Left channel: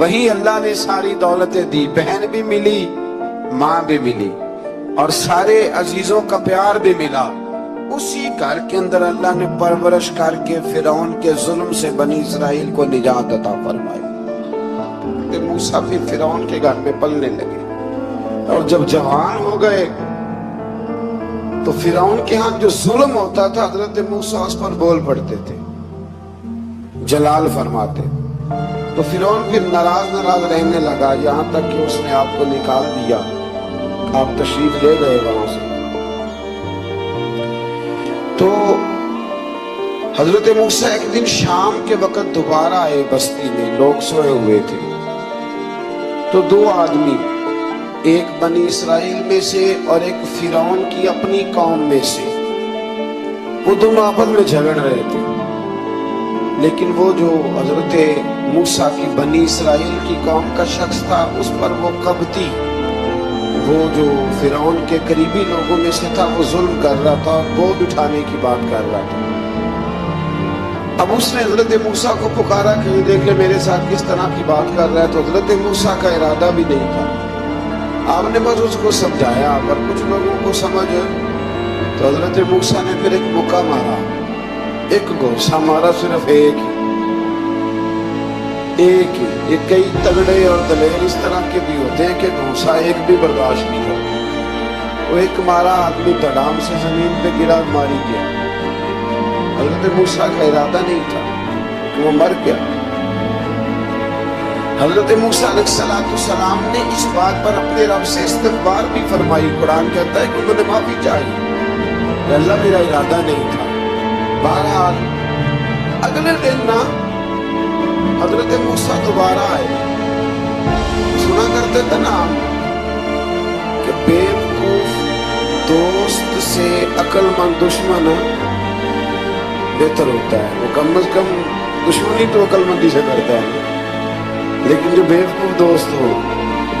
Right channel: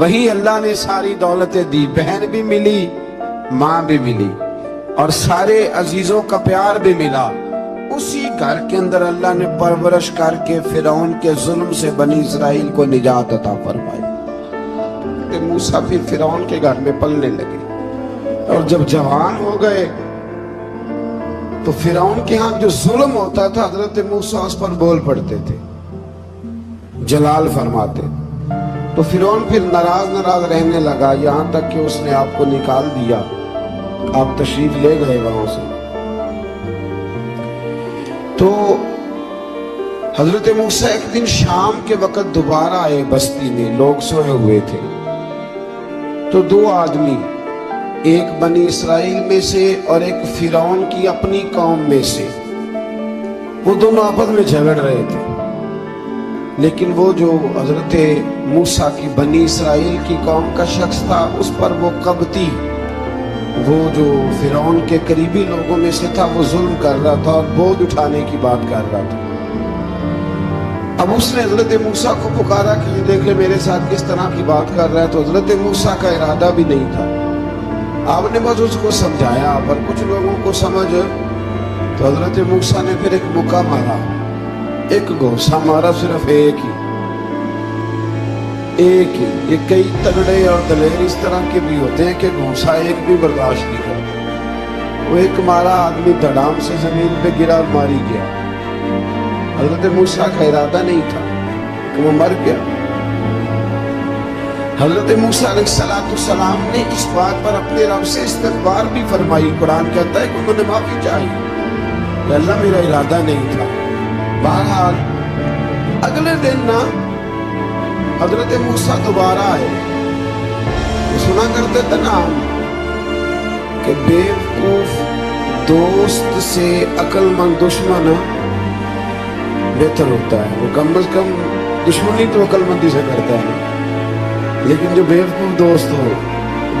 وہی اللہ نے ساری دولتیں دی، بہن بھی ملی، ماں بھی ملی، اور سارے عزیزوں کا پیار بھی ملا۔ اسی گھر کے اندر اللہ نے پرورش کر کے فرعون کے ظلم سے بنی اسرائیل کو نجات عطا فرمائی۔ موسیٰ بھی فرعون کے گھر میں پلنے لگے، اور جب جوان ہو گئے تو فرعون کے ہاں جو ظلم ہوتا تھا حضرت موسیٰ اس پر بول پڑتے تھے، جلال فرماتے۔ تو فرعون پھر ناراض رہنے لگا، یہاں تک کہ اس نے آپ کو نکال دیا، آپ تشریف لے گئے وہاں سے۔ تو حضرت موسیٰ ایک دن شام کے وقت دوبارہ آئے بستی میں، لوگ سوئے ہوئے تھے۔ تو دو آدمی، ایک بنی اسرائیل میں سے اور ایک فرعون کی اپنی قوم میں سے، وہ دونوں آپس میں جھگڑ رہے تھے۔ لیکن وہ جو حضرت موسیٰ کی بنی اسرائیل کی قوم کا شخص تھا، اس پر وہ قبطی، وہ جو فرعون کے قریبی لوگوں میں سے تھا، وہ ظلم کر رہا تھا اور بوجھ اٹھانے کی بات کر رہا تھا۔ اب اس نے حضرت موسیٰ کو پکارا، کہیں دیکھ لے میرے ساتھ کس طرح کی بات کر رہا ہے۔ تو حضرت موسیٰ کا ارادہ بھی نہیں تھا، آپ نے بس اس کو سمجھایا، پر کچھ لوگوں کو سمجھ تو حضرت موسیٰ نے پھر ایک مکہ مارا، ایک گھوسا مارا، صرف ایک ہی۔ یہ کئی تگڑے اور دلیر اس طرح کے بھی ہوتے ہیں کہ گھوسا ایک بھی برداشت نہیں کرتا۔ وہ ایک مارا، آدمی دھڑام سے زمین پہ گرا، ماری گیا۔ حضرت موسیٰ کا ارادہ نہیں تھا کہ وہ مر گیا۔ حضرت موسیٰ علیہ السلام نے اس بات پر اپنے رب سے استغفار بھی فرمائی۔ قرآن کہتا ہے کہ انہوں نے معافی چاہی کہ اللہ میرا ارادہ نہیں تھا۔ بہرحال اگلے دن نا حضرت موسیٰ دوبارہ آئے۔ سنا کرتے تھے نا کہ بیوقوف دوست سے عقل مند دشمن بہتر ہوتا ہے۔ وہ کم از کم دشمنی تو عقل مندی سے کرتا ہے، لیکن جو بیوقوف دوست ہو،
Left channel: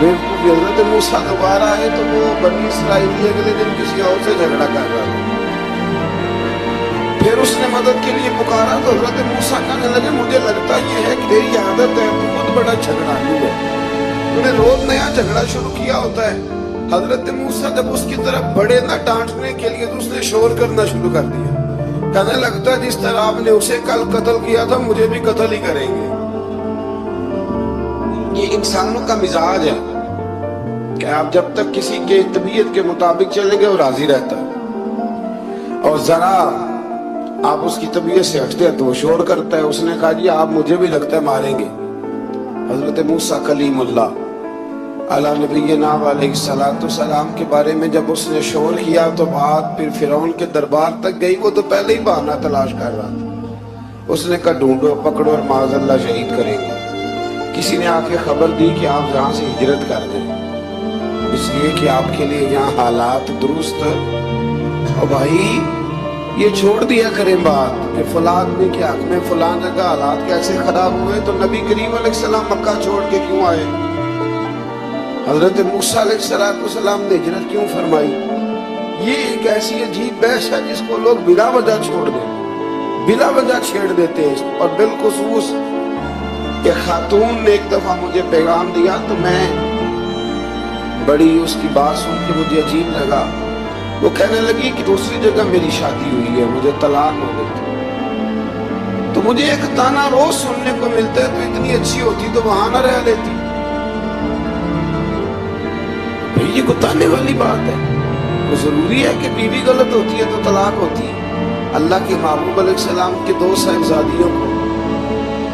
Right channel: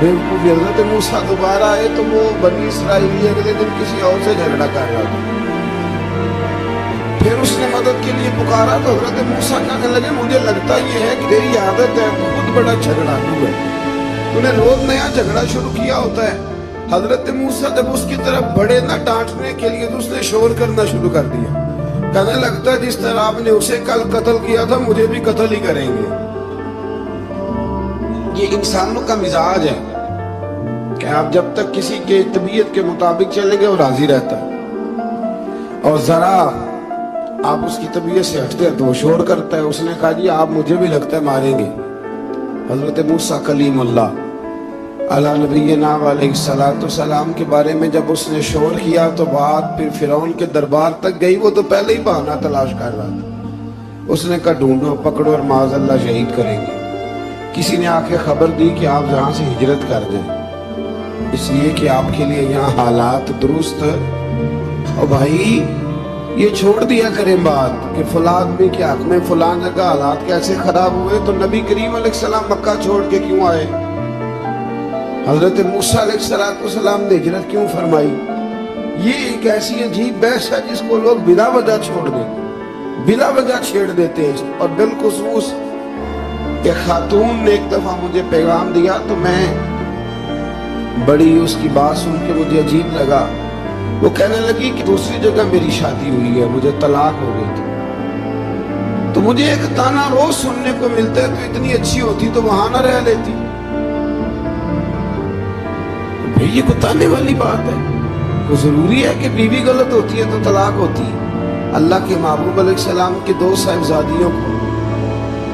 بیوقوف۔ حضرت موسیٰ دوبارہ آئے تو وہ بنی اسرائیلی اگلے دن کسی اور سے جھگڑا کر رہا تھا۔ پھر اس نے مدد کے لیے پکارا تو حضرت موسیٰ کہنے لگے، مجھے لگتا یہ ہے کہ تیری عادت ہے، تو خود بڑا جھگڑالو ہے، تو نے روز نیا جھگڑا شروع کیا ہوتا ہے۔ حضرت موسیٰ جب اس کی طرف بڑے نہ ڈانٹنے کے لیے تو اس نے شور کرنا شروع کر دیا، کہنے لگتا ہے جس طرح آپ نے اسے کل قتل کیا تھا مجھے بھی قتل ہی کریں گے۔ یہ انسانوں کا مزاج ہے کہ آپ جب تک کسی کے طبیعت کے مطابق چلیں گے وہ راضی رہتا ہے، اور ذرا آپ اس کی طبیعت سے ہٹتے ہیں تو وہ شور کرتا ہے۔ اس نے کہا جی آپ مجھے بھی لگتا ہے ماریں گے۔ حضرت موسیٰ کلیم اللہ علیہ نبینا علیہ السلام کے بارے میں جب اس نے شور کیا تو بات پھر فرعون کے دربار تک گئی۔ وہ تو پہلے ہی بہانہ تلاش کر رہا تھا۔ اس نے کہا ڈھونڈو، پکڑو اور معاذ اللہ شہید کریں گے۔ کسی نے آ کے خبر دی کہ آپ یہاں سے ہجرت کر دیں، اس لیے کہ آپ کے لیے یہاں حالات درست۔ اور بھائی یہ چھوڑ دیا کریں بات کہ فلاں آدمی کے حق میں فلاں جگہ حالات کیسے خراب ہوئے، تو نبی کریم علیہ السلام مکہ چھوڑ کے کیوں آئے؟ حضرت موسیٰ علیہ السلام نے ہجرت کیوں فرمائی؟ یہ ایک ایسی عجیب بحث ہے جس کو لوگ بلا وجہ چھوڑ دیتے، بلا وجہ چھیڑ دیتے ہیں۔ اور بالخصوص ایک خاتون نے ایک دفعہ مجھے پیغام دیا تو میں بڑی اس کی بات سن کے مجھے عجیب لگا۔ وہ کہنے لگی کہ دوسری جگہ میری شادی ہوئی ہے، مجھے طلاق ہو گئی تھی، تو مجھے ایک تانا روز سننے کو ملتا ہے، تو اتنی اچھی ہوتی تو وہاں نہ رہ لیتی۔ یہ کوئی تانے والی بات ہے؟ وہ ضروری ہے کہ بیوی غلط ہوتی ہے تو طلاق ہوتی ہے؟ اللہ کے محبوب علیہ السلام کے دو صاحبزادیوں کو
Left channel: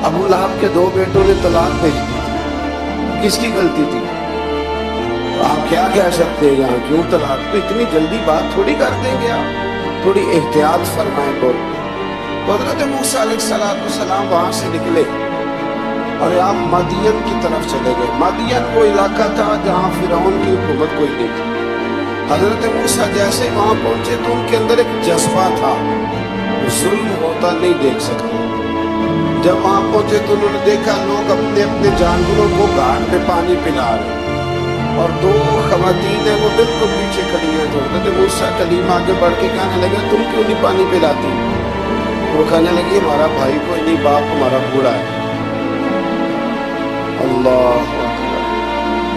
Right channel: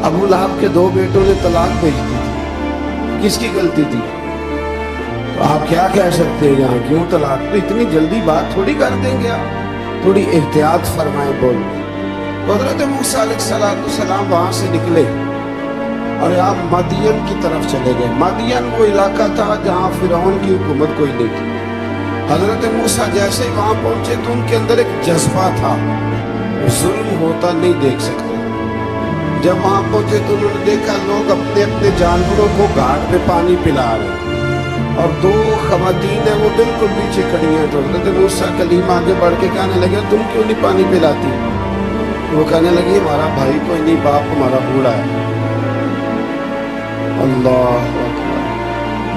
ابو لہب کے دو بیٹوں نے طلاق بھیج دی تھی، کس کی غلطی تھی؟ آپ کیا کہہ سکتے ہیں یہاں کیوں طلاق؟ تو اتنی جلدی بات تھوڑی کر دیں گے آپ، تھوڑی احتیاط فرمائیں بول۔ حضرت موسیٰ علیہ السلام وہاں سے نکلے اور آپ مدین کی طرف چلے گئے۔ مدین وہ علاقہ تھا جہاں فرعون کی حکومت کوئی نہیں تھی۔ حضرت موسیٰ جیسے وہاں پہنچے تو ان کے اندر ایک جذبہ تھا، ظلم ہوتا نہیں دیکھ سکتے۔ جب وہاں پہنچے تو انہوں نے دیکھا لوگ اپنے اپنے جانوروں کو گھاٹ پہ پانی پلا رہے، اور دو خواتین ہیں وہ بالکل پیچھے کھڑی ہیں۔ تو حضرت موسیٰ کلیم آگے بڑھ کے کہنے لگے تم کیوں نہیں پانی پلاتی؟ وہ کہنے لگی ہمارا بھائی کوئی نہیں، باپ ہمارا بوڑھا ہے۔ اللہ اکبر۔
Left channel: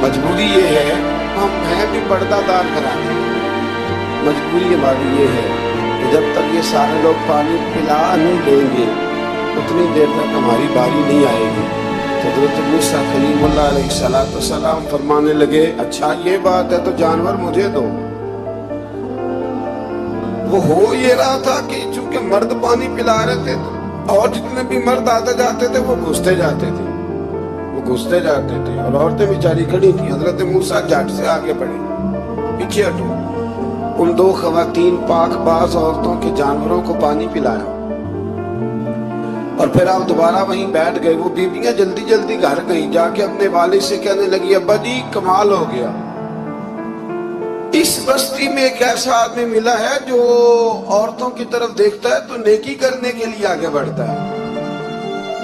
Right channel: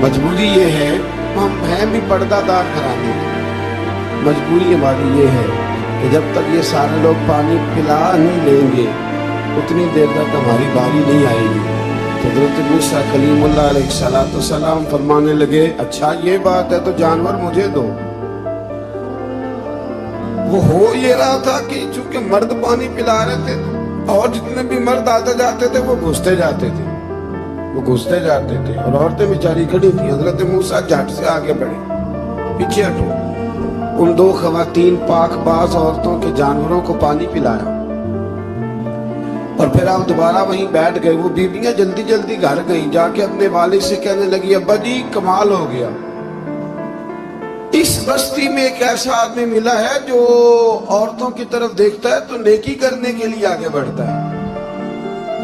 مجبوری یہ ہے، ہم ہیں بھی پردہ دار گھرانے، مجبوری ہماری یہ ہے کہ جب تک یہ سارے لوگ پانی پلا نہیں لیں گے اتنی دیر تک ہماری باری نہیں آئے گی۔ تو حضرت موسیٰ کلیم اللہ علیہ السلام فرمانے لگے اچھا یہ بات ہے تو جانور مجھے دو۔ وہ ہو یہ رہا تھا کہ چونکہ مرد پانی پلا رہے تھے اور جتنے بھی مرد آتے جاتے تھے وہ گھستے جاتے تھے، اور عورتیں بیچاری کھڑی تھیں۔ حضرت موسیٰ جھٹ سے آگے بڑھے، پیچھے ہٹو، ان دو خواتین پاک باز عورتوں کے جانوروں کو پانی پلایا اور پھر آپ دوبارہ وہیں بیٹھ گئے۔ وہ بیویاں جلدی جلدی گھر گئیں، جا کے اپنے والد سے کہنے لگی ابا جی کمال ہو گیا، اس بستی میں ایک ایسا آدمی ملا ہے جو عورتوں کی طرف دیکھتا ہے تو نیکی کرنے کے لیے آگے بڑھتا ہے،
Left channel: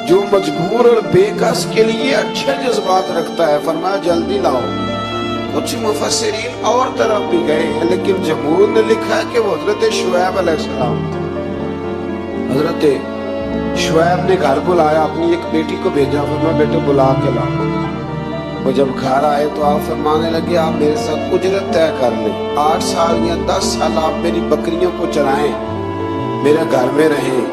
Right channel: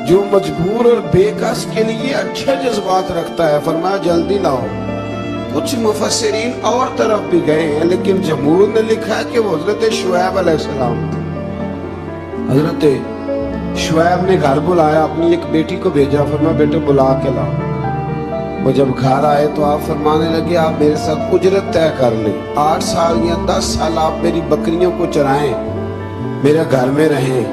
جو مجبور اور بے کس کے لیے اچھے جذبات رکھتا ہے۔ فرمایا جلدی لاؤ۔ کچھ مفسرین اور طرف بھی گئے ہیں لیکن جمہور نے لکھا ہے کہ وہ حضرت شعیب علیہ السلام تھے۔ حضرت شعیب نے گھر بلایا، اپنی ایک بیٹی کو بھیجا، فرمایا بیٹے بلا کے لاؤ۔ وہ جب گھر آئے تو آپ فرمانے لگے آپ میرے ساتھ اجرت طے کر لیں، 8 سال یا 10 سال آپ میری بکریوں کو چرائیں، میرے گھر میں رہیں۔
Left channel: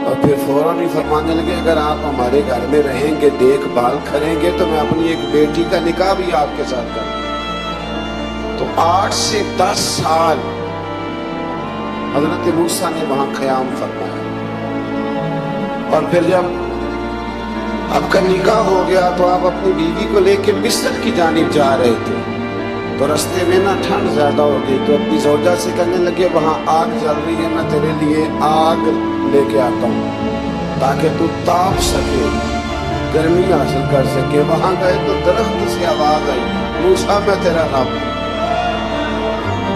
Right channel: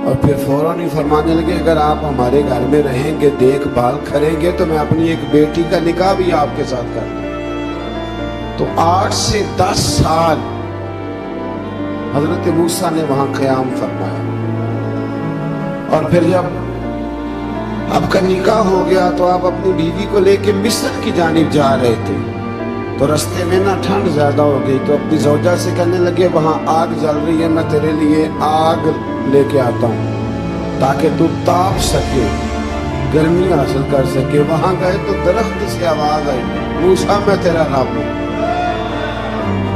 اور پھر فوراً ہی فرمانے لگے اگر آپ ہمارے گھر میں رہیں گے دیکھ بھال کریں گے تو میں اپنی ایک بیٹی کا نکاح بھی آپ کے ساتھ کروں۔ تو 8 سے 10 سال حضرت موسیٰ نے وہاں قیام فرمایا، اور پھر جب آپ کا نکاح ہو گیا تو آپ اپنی بیوی کو لے کے مصر کی جانب جا رہے تھے، تو رستے میں نا ٹھنڈ زیادہ ہو گئی تو اپنی زوجہ سے کہنے لگے وہاں آگ جل رہی ہے، میں تیرے لیے آگ لے کے آتا ہوں تاکہ تو تاپ سکے، گرمی حاصل کر سکے۔ وہاں گئے تو درخت سے آواز آئی موسیٰ میں تیرا رب ہوں،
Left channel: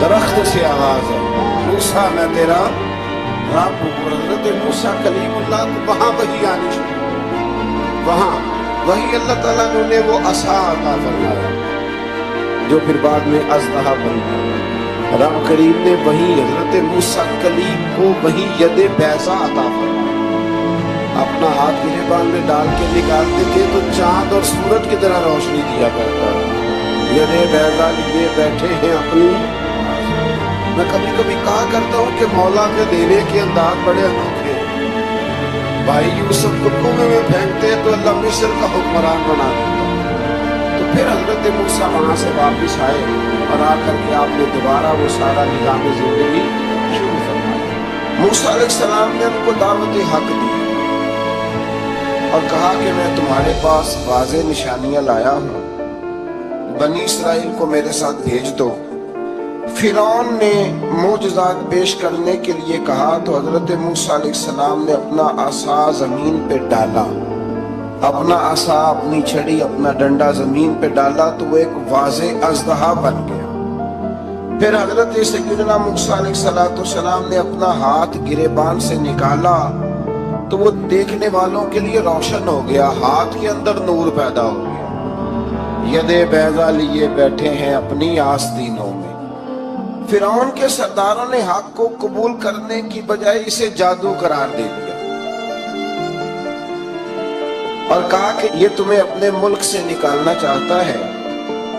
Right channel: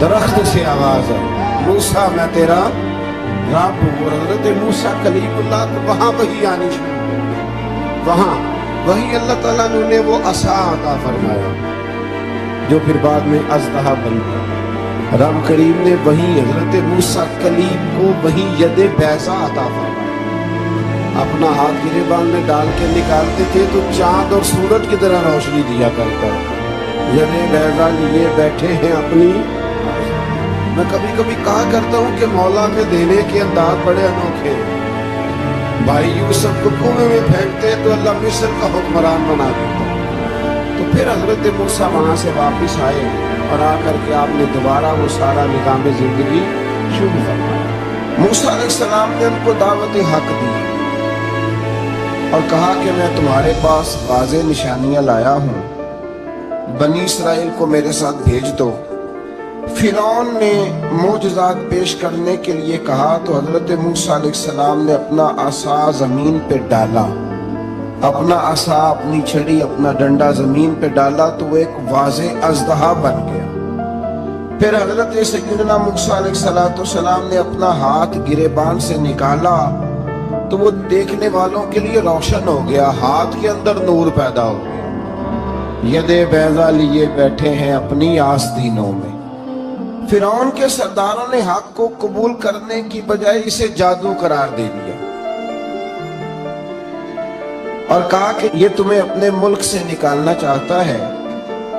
درخت سے آواز آئی موسیٰ میں تیرا رب ہوں۔ اور حضرت موسیٰ کلیم اللہ کو وہاں وحی آنی شروع، وہاں وہی اللہ تعالیٰ نے وہ عصا عطا فرمایا جو پھر بعد میں اژدہا بن گیا۔ رب کریم نے وہی حضرت موسیٰ کلیم کو وہی ید بیضا عطا فرمایا، اپنا ہاتھ گریبان میں ڈال کے نکالتے تھے تو چاند اور سورج کی طرح روشنی دیا کرتا۔ ید بیضا لیے بیٹھے ہیں اپنی۔ میں کبھی کبھی کہا کرتا ہوں کہ مولا کے دینے کے انداز بڑے انوکھے، بھائی یوسف کو کنویں میں پھینکتے ہیں تو اللہ مصر کا حکمران بنا دیتا۔ تو پھر حضرت موسیٰ وہاں سے واپس آئے اور آ کر کے آپ نے دوبارہ وہ سارا نظام زندگی شروع فرمایا۔ موسیٰ علیہ السلام نے ان کو دعوت حق دی اور کہا کہ میں تمہارے پاس واضح نشانیاں لایا ہوں، بنی اسرائیل کو میرے ساتھ بھیج دو۔ فرعون نے معجزات پیش کرنے کے لیے کہا تو حضرت موسیٰ علیہ السلام نے اپنا عصا زمین پہ ڈالا، اپنا عصا، اپنی چھڑی، اپنا ڈنڈا زمین پہ ڈالا تو وہ ایک واضح اژدہا بن گیا۔ پھر حضرت سیدنا موسیٰ علیہ السلام نے اپنا ہاتھ گریبان سے نکالا تو وہ دیکھنے والوں کے لیے روشن ہو گیا، ہاتھ کے اندر نور پیدا ہو گیا۔ ید بیضا لیے بیٹھے ہیں اپنی آستینوں میں۔ فرعون کے سرداروں نے حق کو قبول کرنے کی بجائے اسے جادو قرار دے دیا اور کہا کہ یہ تمہیں اپنے ملک سے نکالنا چاہتا ہے۔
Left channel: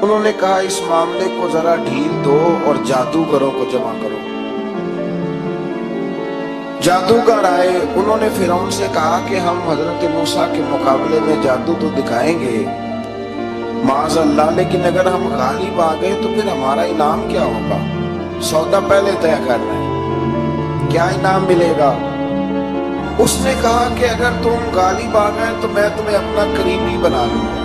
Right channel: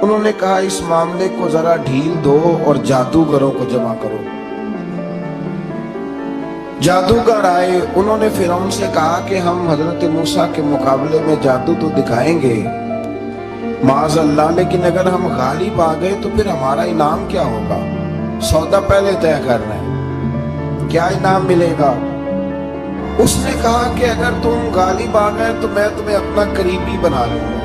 انہوں نے کہا اس معاملے کو ذرا ڈھیل دو اور جادوگروں کو جمع کرو۔ جادوگر آئے، انہوں نے فرعون سے کہا کہ ہم حضرت موسیٰ کے مقابلے میں جادو تو دکھائیں گے معاذ اللہ، لیکن اگر ہم غالب آ گئے تو پھر ہمارا انعام کیا ہوگا؟ سودا پہلے طے کر رہے ہیں، کیا انعام ملے گا؟ اس نے کہا کہ اگر تم غالب آ گئے تو میں تمہیں اپنا قریبی بنا لوں گا۔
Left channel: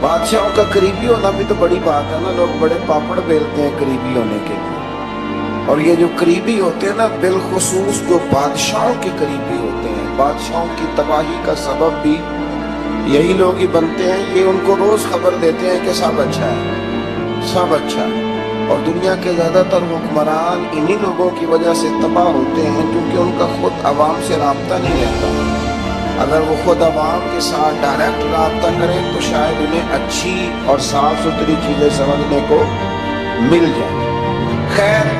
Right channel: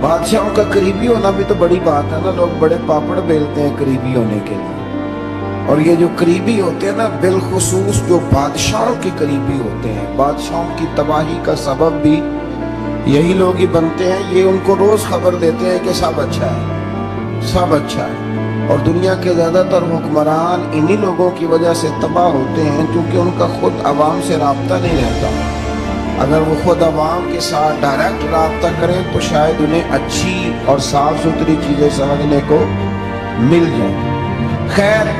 بادشاہوں کا قریبی ہونا بھی تو بڑی بات ہے نا، لوگ بڑے پاپڑ بیلتے ہیں قریبی ہونے کے لیے، اور یہ جو قریبی ہوتے ہیں نا بالخصوص جو بادشاہوں کے قریبی ہوتے ہیں، بادشاہوں کی تباہی کا سبب بھی یہی لوگ ہی بنتے ہیں۔ یہ ان کو روز خبر دیتے ہیں کہ سب اچھا ہے، سب اچھا ہے، اور دنیا کے زیادہ تر حکمران انہی لوگوں کی وجہ سے تباہ ہوتے ہیں کیونکہ ان کا خود عوام سے رابطہ نہیں رہتا۔ اگر وہ خود عوام کے ساتھ ڈائریکٹ رابطہ کریں تو شاید انہیں اچھی اور صاف ستھری چیزیں سمجھنے کو مل جائیں۔ خیر،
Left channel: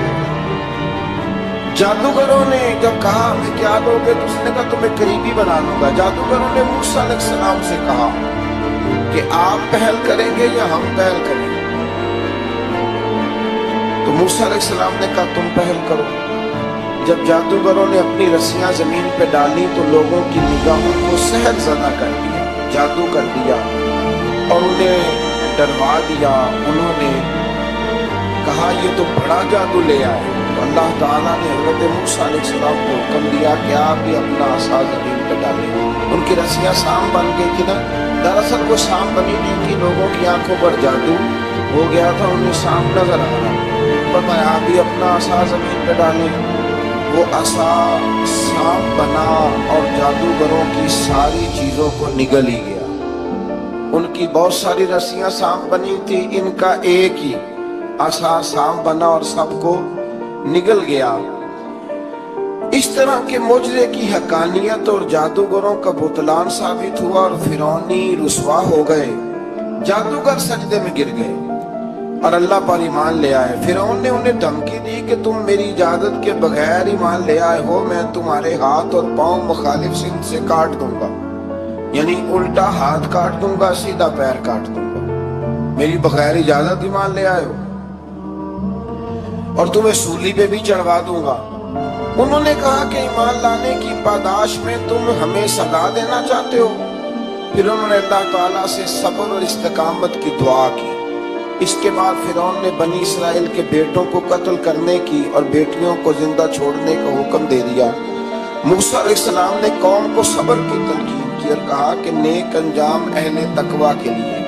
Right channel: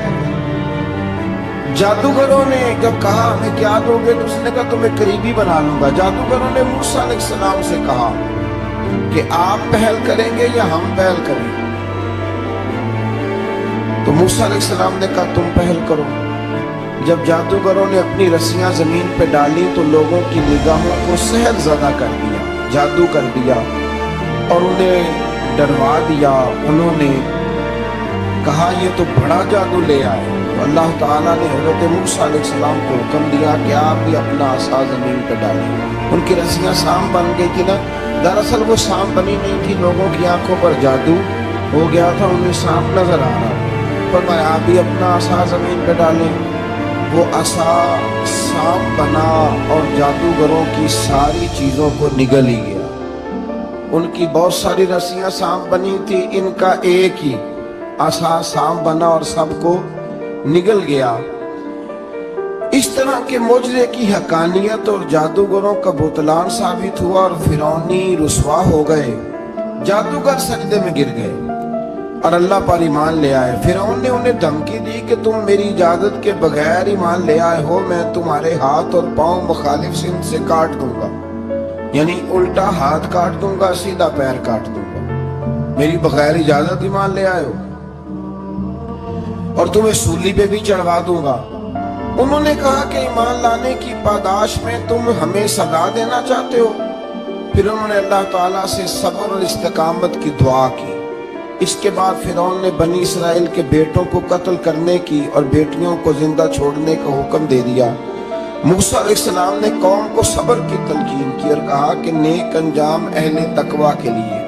جادوگروں نے جب کہا ہمیں کیا دو گے تو اس نے کہا تمہیں قریبی بنا لوں گا۔ جادوگروں نے موسیٰ علیہ السلام سے کہا کہ آپ پہل کریں گے یا ہم پہل کریں گے؟ تو موسیٰ علیہ السلام نے کہا تم پہل کرو۔ جب جادوگروں نے اپنی رسیاں زمین پہ ڈالی تو لوگوں کی نگاہوں کو سحر زدہ کر دیا، جادو کر دیا اور انہیں ڈروا دیا۔ انہوں نے کہا یہ تو بڑا جادو لے آئے۔ تو اللہ تعالیٰ نے حضرت موسیٰ علیہ السلام کو حکم دیا کہ آپ بھی اپنا عصا زمین پہ ڈالیں۔ ان کی رسیاں سام بن گئی تھی نا، دراصل وہ سام بنی نہیں تھی، لوگوں کی آنکھوں پر جادو ہو گیا تھا، انہیں سام نظر آ رہا۔ فرمایا آپ بھی اپنا عصا زمین پہ ڈالیں۔ وہ عصا سام بنا اور جادوگروں کی ساری چیزوں کو نگل ہی گیا۔ ان کی بہت ساری رسیاں سام بنی تھی، ان کا ایک ہی عصا سام بنا اور سب کو نگل گیا۔ اس طرح کے معجزے کی حقانیت اور جادوگروں کا بطلان ثابت ہوا اور فرعونی رسوا ہو گئے۔ جادوگر سجدے میں گر گئے اور اللہ پر ایمان لے آئے۔ فرعون نے انہیں دھمکی دی کہ تم میری اجازت کے بغیر ایمان لے آئے ہو، میں تمہارے ہاتھ اور پاؤں مخالف سمت سے کاٹ دوں گا، یعنی الٹا ہاتھ کاٹ دوں گا، سیدھا پیر کاٹ دوں گا، میری بغیر اجازت ایمان لے آئے ہو، اور تمہیں سولی پہ بھی چڑھوا دوں گا۔ انہوں نے کہا کہ ایمان لانے کی پاداش میں تم ہمیں سزا دینا چاہتے ہو؟ پھر انہوں نے اللہ تعالیٰ سے صبر اور استقامت کی دعا کی۔ اس کے بعد فرعون نے بنی اسرائیل کے بیٹوں کو قتل کرنے کی اور بیٹیوں کو زندہ چھوڑنے کا حکم دے دیا۔ موسیٰ علیہ السلام نے قوم کو صبر کی تلقین کی اور کہا کہ نیک انجام اہل تقویٰ کے لیے۔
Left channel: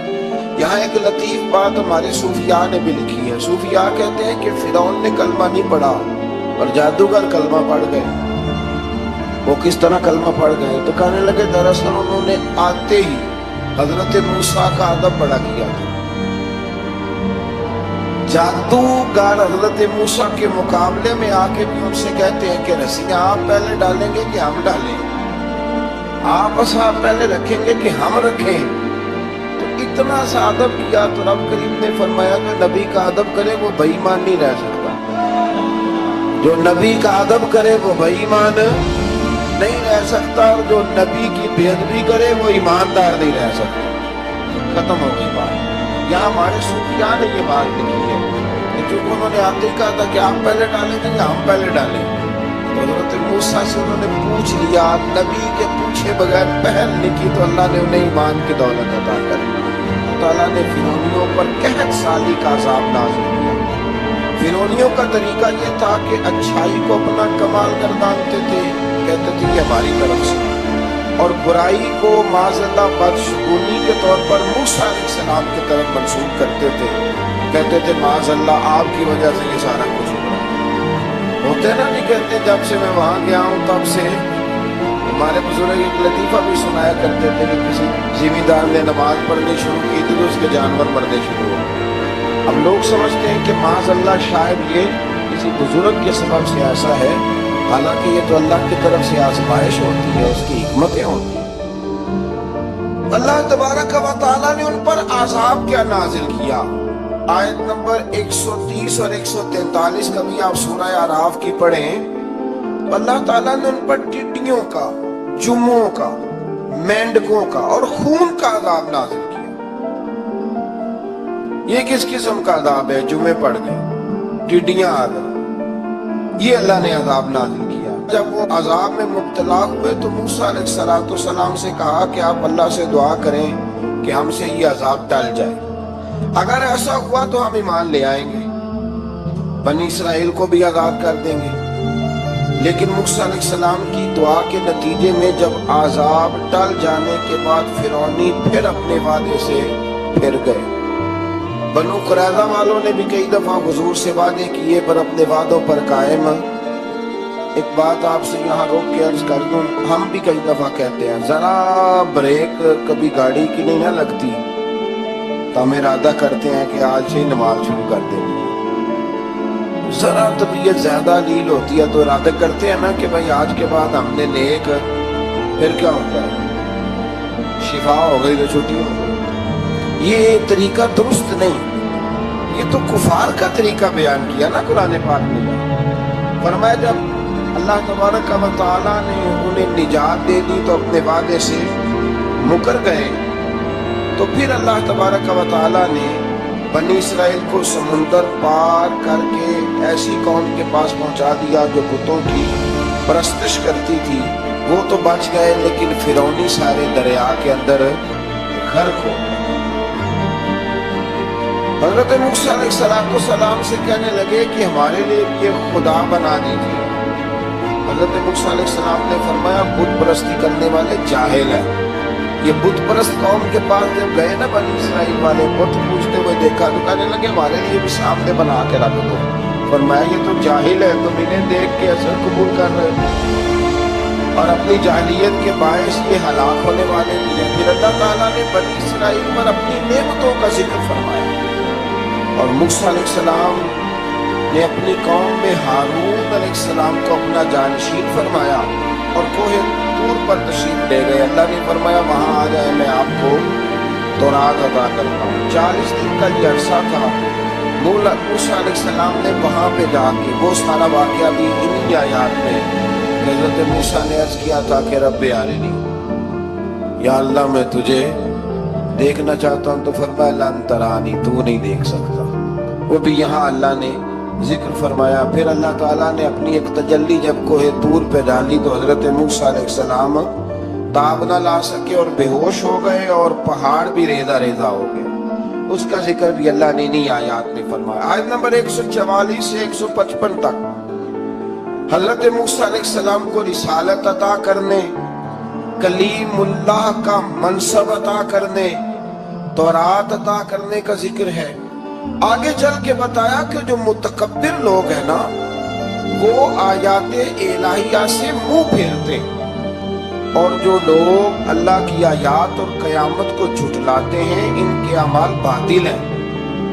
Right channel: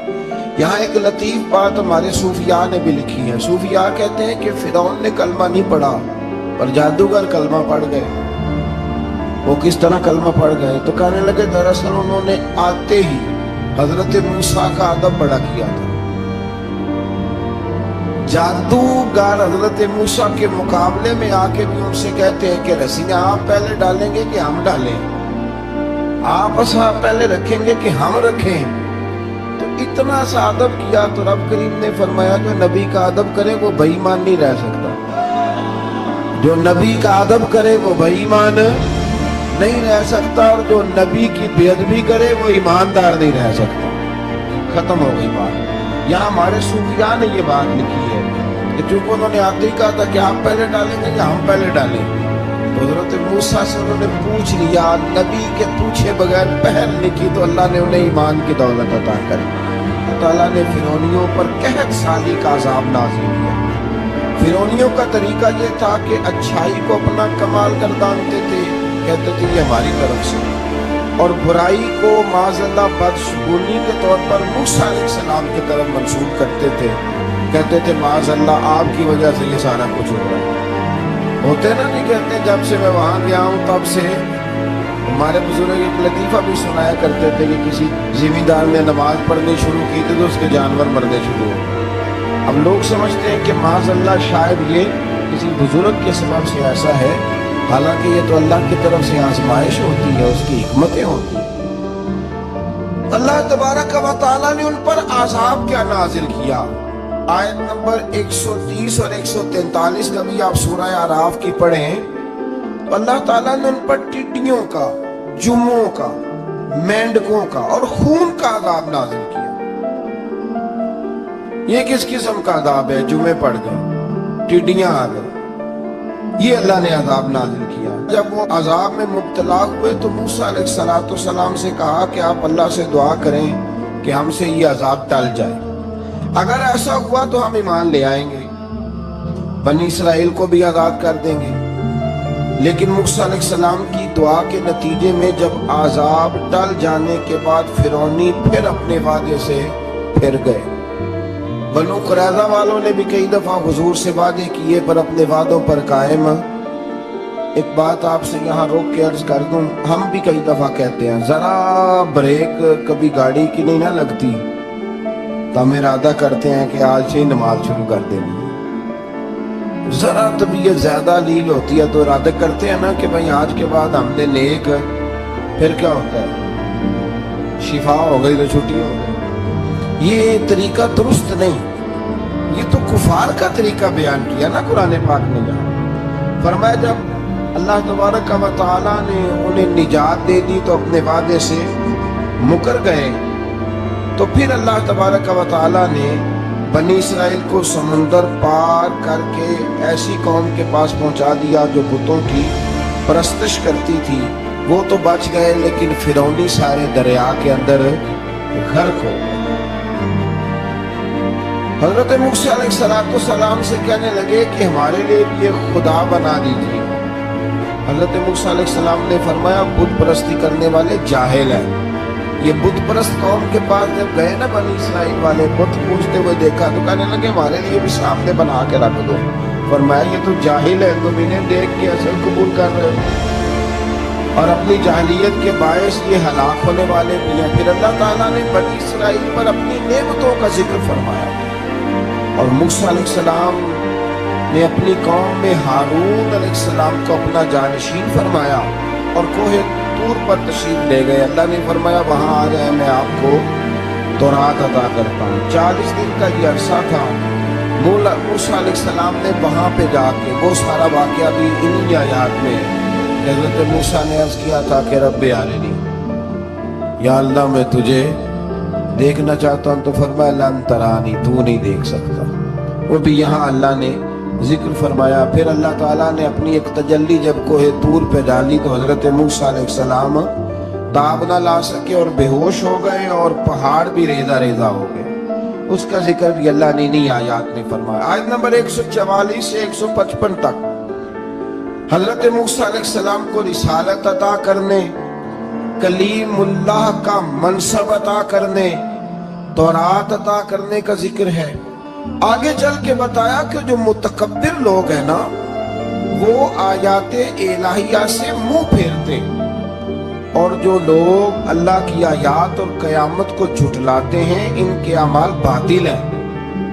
یہاں ایک لطیف بات ہمارے صوفیاء نے بھی لکھی ہے۔ صوفیاء کہتے ہیں کہ فرعون نے کلمہ نہیں پڑھا اور جادوگر کلمہ پڑھ گئے۔ وہ کس طرح کلمہ پڑھ گئے؟ تو کہنے لگے دراصل انہوں نے آتے ہی حضرت موسیٰ کا ادب بڑا کیا تھا۔ جادوگر حضرت موسیٰ کے مقابلے میں آ کے بھی ان سے کہتے ہیں کہ رسیاں آپ پہلے ڈالیں گے کہ ہم ڈالیں؟ آپ عصا پہلے رکھیں گے کہ ہم رکھیں؟ تو اتنا سا ادب کیا تو رب کریم نے فرمایا جو نبی کا ادب کرے وہ بے ایمان نہیں رہ سکتا، جو نبی کا ادب کرے وہ بے ایمان نہیں رہ سکتا، اور جو نبی کی بے ادبی کرے وہ ایماندار نہیں رہ سکتا۔ ختم ہو گئی بات۔ یہاں ہمارے صوفیاء نے یہ بات لکھی ہے کہ چونکہ انہوں نے آتے ہی کہا تھا کہ آپ پہلے ڈالیں گے یا ہم پہلے ڈالیں، تو حضرت موسیٰ سے انہوں نے پوچھ لیا، نبی کے پوچھے بغیر پہل نہیں کی تو اللہ نے انہیں ایمان کی دولت عطا کر دی۔ اللہ تعالیٰ نے فرعونیوں پر قحط سالی کا عذاب نازل کیا۔ فرعونیوں کا طریقہ یہ تھا کہ اچھائی کو اپنا کمال گردانتے تھے، کہتے تھے یہ ہماری طرف سے، اور برائی کو معاذ اللہ بدشگونی کے طور پر موسیٰ علیہ السلام کی طرف منسوب کرتے تھے، کہتے تھے معاذ اللہ آپ کی وجہ سے یہ سارا کچھ ہوتا ہے۔ ہوتے نا نہیں کہتے جب سے میں وہاں گیا ہوں تب سے ہمارے بزرگ ایک لطیفہ بھی سنایا کرتے تھے کہ کسی زمیندار نے نماز پڑھنی شروع کی تو اس کے جانور مرنے شروع ہو۔ اب لوگ سمجھتے ہیں کہ معاذ اللہ شاید یہ کسی بزرگ کے سبب سے ایسا ہے، حالانکہ یہ تو اللہ کی طرف سے آزمائش ہوتی ہے، اس کی حکمتیں ہوتی ہیں۔ اللہ تبارک و تعالیٰ نے ان پر عذاب کیا نازل کیا؟ آیت نمبر 130 اور 143 کا بھی آپ سورہ اعراف کی پڑھیں تو اللہ تعالیٰ نے ان پر ٹڈیوں کا، جموں کا، مینڈکوں کا اور خون کا عذاب نازل کیا۔ یہ کس قسم کا عذاب ہے؟ جمعے پڑ گئے، ٹڈیاں آ گئی، یہ اللہ نے عذاب نازل کیا۔ جب وہ عذاب میں مبتلا ہوئے تو موسیٰ علیہ السلام سے کہا کہ آپ اللہ سے دعا کریں کہ ہم سے یہ عذاب ٹل جائے، اگر ایسا ہوا تو ہم ایمان لے آئیں گے، بنی اسرائیل کو بھی آزاد کر دیں گے۔ لیکن موسیٰ علیہ السلام کی دعا کے نتیجے میں جب عذاب ٹل جانے کے بعد فرعونی پھر اپنے وعدے سے پھر گئے۔ بنو قریظہ والوں نے بھی کئی دفعہ حضور سے وعدے کیے پر اپنے وعدوں پر قائم۔ ایک بات آپ سے یہاں روک کے عرض کر دوں، ہم بھی کئی دفعہ کہتے ہیں ذرا بریک کبھی گاڑی کی نہیں نہ لگتی تو ہم ارادہ کرتے ہیں کہ آج سے ہی نماز شروع کر دینی ہے۔ ذرا طبیعت زیادہ لیل ہوتی ہے تو ارادہ کرتے ہیں نا کہ بھائی آج کے بعد ہم نے نیک، پھر کیا ہوتا ہے؟ شفا ہو گئی تو چھٹی ہو گئی۔ یہ طریقہ درست نہیں، یہ تو کفار کا طریقہ بیان کیا نا قرآن پاک نے۔ فرمایا جب اللہ تبارک و تعالیٰ نے انہیں نجات دے دی تو اپنے وعدے سے مکر گئے، تو پھر اللہ تبارک و تعالیٰ نے بنی اسرائیل کو سمندر پار کر کے ایسی قوم کے پاس پہنچا دیا جو بتوں کی پرستش کرتی تھی. وہ تو بچ گئے لیکن فرعونی سارے دریا کے اندر غرق ہو گئے. حضرت موسیٰ علیہ السلام سے کہنے لگے کہ ہمارے لیے یہ خدا بنا دیجیے. حضرت موسیٰ علیہ السلام نے فرمایا بت پرستی کرنے والے جاہل ہیں. یہ بت پرست قوم کے پاس جب گئے نا بنی اسرائیل والے بت پوجتے ہوئے دیکھا تو کہنے لگے ہمارے لیے بھی سامنے بنا کے رکھ دو. فرمایا یہ تو جاہل ہے, تم انہیں دیکھ کے اثر قبول کر رہے ہو اور اپنی جاہلیت کے باعث یہ ہلاک ہونے والے بھی ہیں. پھر اللہ تعالیٰ نے بنی اسرائیل پر اپنی نعمتوں کا ذکر فرمایا اور موسیٰ علیہ السلام نے اپنی قوم میں ہارون علیہ السلام کو اپنا جانشین فرمایا اور کوہ طور پر تشریف لے گئے. اللہ نے فرمایا وہاں آ جائے, میں آپ کو تورات عطا کرتا ہوں. 40 دن کا یہ عرصہ تھا. موسیٰ علیہ السلام نے وہاں پہ جا کے وہ سارا واقعہ بھی انہی آیات میں حضرت موسیٰ نے عرض کیا تھا کہ رب ارنی, یا اللہ میں تجھے دیکھنا چاہتا ہوں. تو فرمایا لن ترانی, تو نہیں دیکھ سکتا. وہ بھی یہاں اللہ نے ذکر فرمایا. پھر اللہ تعالیٰ نے اپنی ایک تجلی جب کوہ طور پہ ڈالی تو حضرت موسیٰ علیہ السلام تاب نہ لا سکے اور بے ہوش ہو گئے اور پہاڑ بھی ریزہ ریزہ ہو گئے. اس کا ذکر بھی اللہ نے انہی آیات میں فرمایا. آیت نمبر 144 سے 155 تک حضرت موسیٰ علیہ السلام کو رسالت عطا کرنے, کلیم اللہ کا منصب عطا کرنے, تورات عطا کرنے کا ذکر ہے. آگے چل کے بتایا کہ جو متکبر لوگ ہیں نا وہ آیات الہیہ سے منہ پھیرتے, اور جو لوگ اللہ کی آیات اور قیامت کو جھٹلاتے ہیں ان کے اعمال باطل ہیں.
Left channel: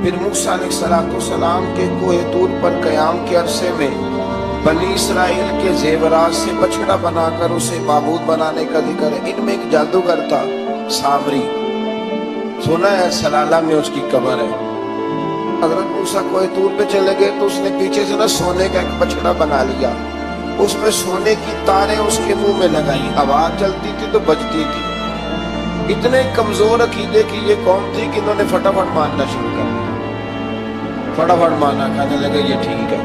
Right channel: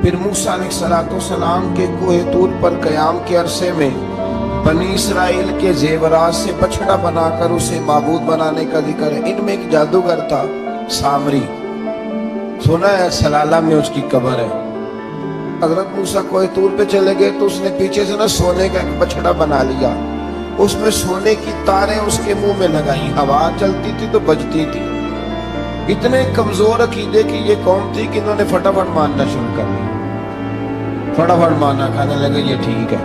پھر موسیٰ علیہ السلام کے کوہ طور پر قیام کے عرصے میں بنی اسرائیل کے زیورات سے بچڑا بنا کر اسے معبود بنانے کا ذکر ہے. ان میں ایک جادوگر تھا سامری, سنا ہے سلالہ میں اس کی قبر ہے. حضرت موسیٰ کوہ طور پہ چلے گئے تو اس نے پیچھے سے نا سونے کا ایک بچڑا بنا لیا, اس میں سونے کی تاریں اس کے منہ میں لگائی, ہوا چلتی تھی تو بجتی تھی. اتنے کمزور عقیدے کی یہ قوم تھی کہ انہوں نے فٹافٹ ماننا شروع کر دیا. فٹافٹ مانا, کہنے لگے یہ ٹھیک ہے.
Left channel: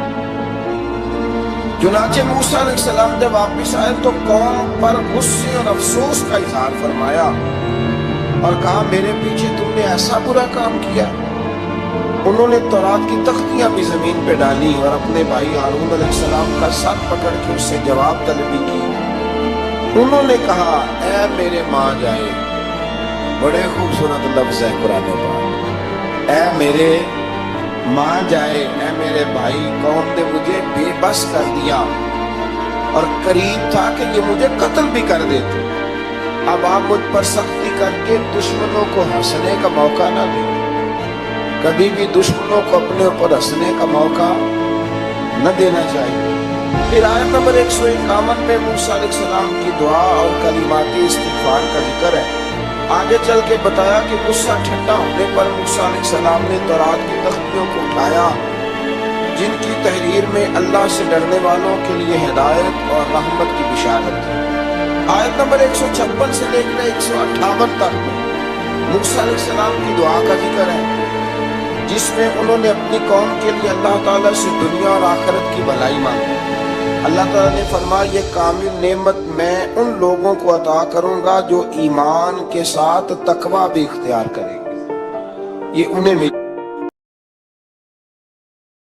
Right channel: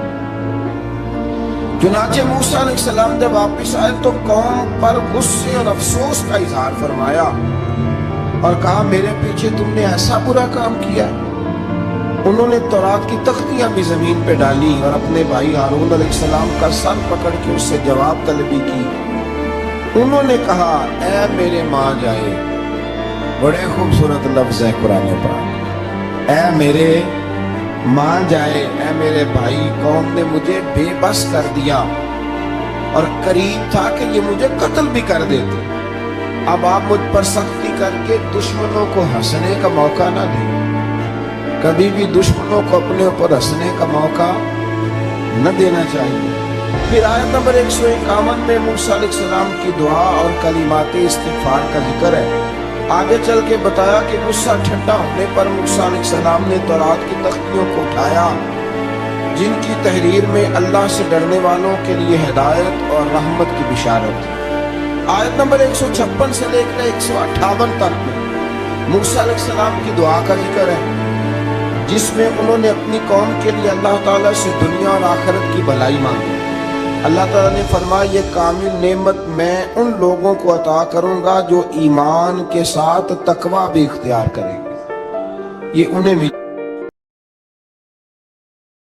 چنانچہ موسیٰ علیہ السلام جب واپس آئے تو قوم پر غصے اور افسوس کا اظہار فرمایا اور کہا میرے پیچھے تم نے ایسا برا کام کیا. انہوں نے تورات کی تختیاں بھی زمین پہ ڈالی اور اپنے بھائی ہارون علیہ السلام کا سر پکڑ کے اس سے جواب طلبی کی. انہوں نے کہا اے میرے ماں جائے, بڑے خوبصورت لفظ ہے قرآن پاک, اے میرے ماں جائے, اے میرے بھائی, قوم نے مجھے بے بس کر دیا اور قریب تھا کہ یہ مجھے قتل بھی کر دیتے. اب آپ مجھ پر سختی کر کے دشمنوں کو ہنسنے کا موقع نہ دیں. کبھی بھی دشمنوں کو اپنے اوپر ہنسنے کا موقع نہ دینا چاہیے. پھر آیت نمبر 151 میں موسیٰ علیہ السلام کی دعا اور کلمات استغفار کا ذکر ہے. آگے چل کے بتایا کہ غصہ ٹھنڈا ہونے پر موسیٰ علیہ السلام نے تورات کی تختیوں کو اٹھایا جن کی تحریر میں اللہ سے ڈرنے والوں کے لیے ہدایت اور رحمت کی بشارت ہے. آیت نمبر 156 سے لے کر 158 تک میں موسیٰ علیہ السلام کی دعا کا ذکر ہے جس میں انہوں نے اپنی قوم کے لیے اللہ تعالیٰ سے دنیا اور آخرت کی بھلائی مانگی. اللہ تعالیٰ نے فرمایا یہ کامل نعمت میں ان لوگوں کو عطا کروں گا جو ایمان کے ساتھ تقوی بھی اختیار کریں گے, یہ انہیں بھی